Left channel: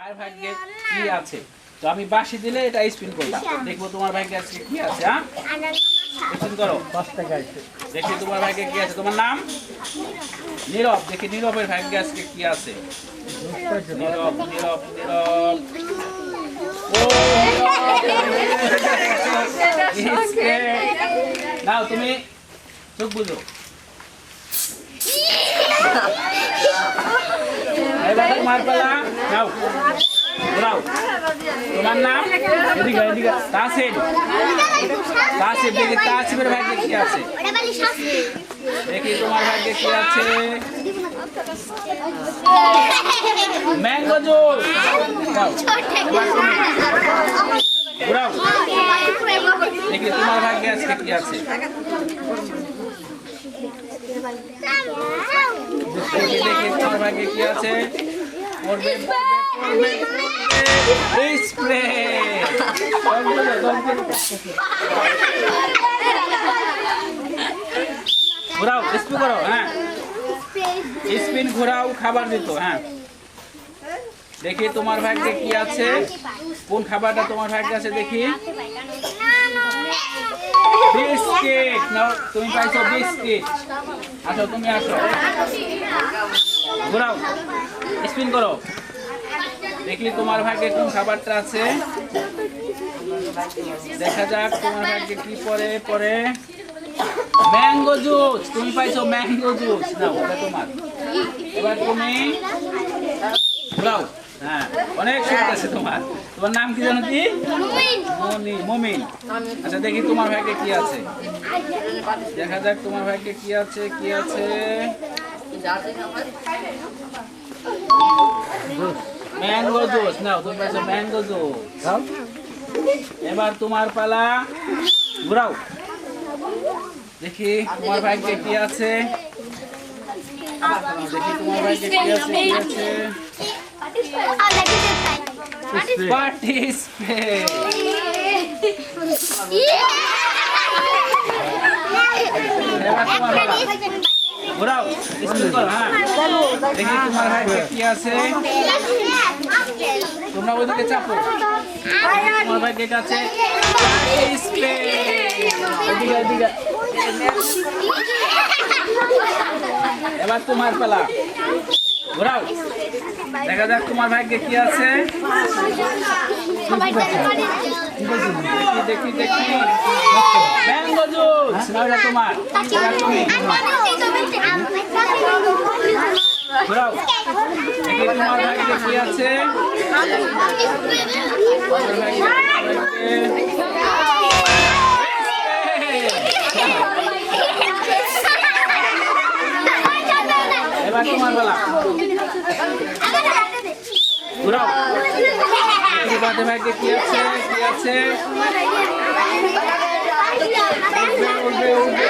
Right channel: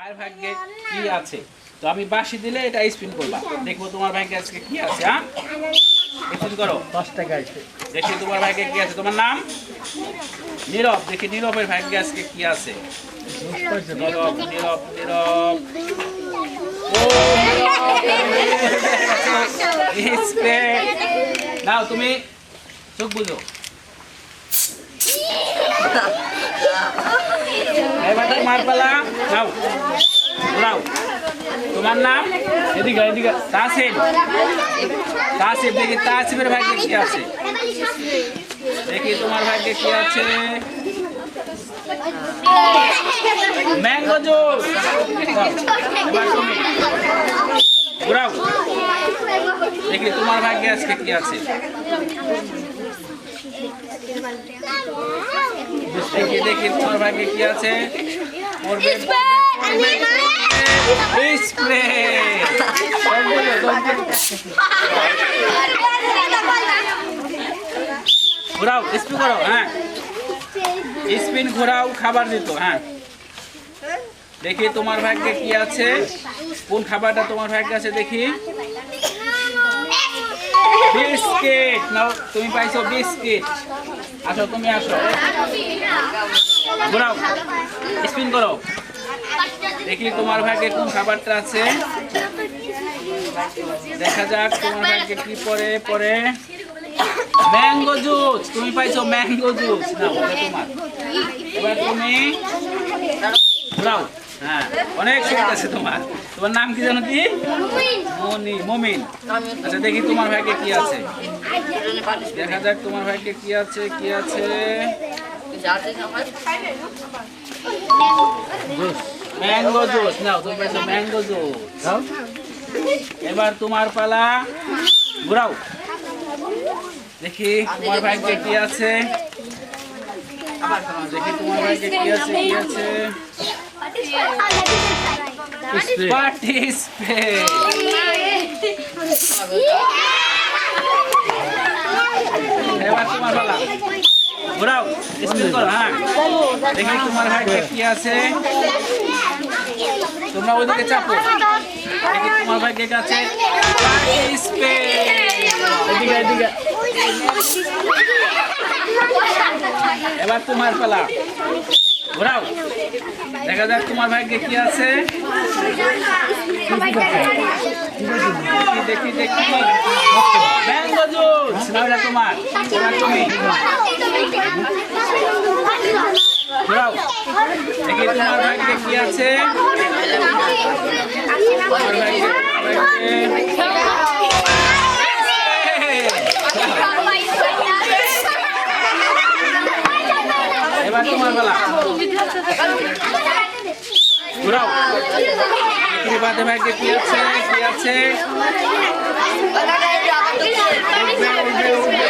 কার ভাগ্যে কি আছে। তো আমি বাঁশি দিলে এটা স্পিন করবা, দেখবো তোমার ভাগ্যে আজকে কি আছে। হ্যাঁ, স্পিন করো। 10 টাকা আছে। দেখি তোমার ভাগ্যে কি আছে। তোমার নাম নীরব। দেখি নীরবের ভাগ্যে আজকে কি আছে। নীরব নীরব নীরব। ও নাও তুমি চোখ বুঝো। এবার তোমার পালা। নাও ঘোরাও। তোমার নাম এদিকে এদিকে। তাসিম। তাসিম। দেখি তাসিমের ভাগ্যে কি আছে। দেখি তোমার ভাগ্যে কি আছে। Mango juice. এবার তুমি ঘোরাও। দেখি তোমার ভাগ্যে আজকে কি আছে। দেখি দেখি তোমার ভাগ্যে কি আছে। পড়বে পড়বে পড়বে স্প্রে। ঘোরাও, স্পিন করো। হ্যাঁ, স্পিন ঘোরাও, খাবার দিত। হ্যাঁ, দেখি তোমার ভাগ্যে কি আছে। কোন খাবারটা তোমার ভাগ্যে আছে দেখি। বিস্কিট। নাও তুমি পাইছো বিস্কিট। আসো তুমি আসো। ঘোরাও, স্পিন করো। দেখি তোমার ভাগ্যে কোন খাবারটা আছে। দেখা যাক তোমার ভাগ্যে কি পড়ে। পড়ে ম্যাঙ্গো জুস। তুমি পাইছো ম্যাঙ্গো জুস। নাও এটা তোমার। এবার তুমি ঘোরাও। হ্যাঁ, অনেক সুখ আছে তোমার। তোমার নাম কি জানো কি? মনি। মমিন। আচ্ছা দেখি তোমার ভাগ্যে কি আছে। দেখা যাক তোমার ভাগ্যে কি আছে। কি আছে। Mango juice. নাও তুমি পাইছো ম্যাঙ্গো জুস। এবার তোমার পালা। ঘোরাও। দেখি তোমার ভাগ্যে কি আছে। দেখি তোমার ভাগ্যে কি আছে। কি আছে। পার্টিসিপেট। এবার তোমার পালা। ঘোরাও, স্পিন করো। হ্যাঁ, দেখি তোমার ভাগ্যে কি আছে। তোমরা ওইদিকে চাপো। দেখি তোমার ভাগ্যে কি আছে। এদিকে এদিকে। এবার তোমার পালা। ঘোরাও। দেখা যাক তোমার ভাগ্যে কি আছে। দেখি দেখি। Mango juice. নাও এটা তোমার। এবার তুমি ঘোরাও। দেখি তোমার ভাগ্যে কি আছে। তোমার ভাগ্যে এবার তোমার বেলা। ঘোরাও। দেখি বাদে ভাগ্যে কি আছে। কি আছে। উঠবে উঠবে উঠবে।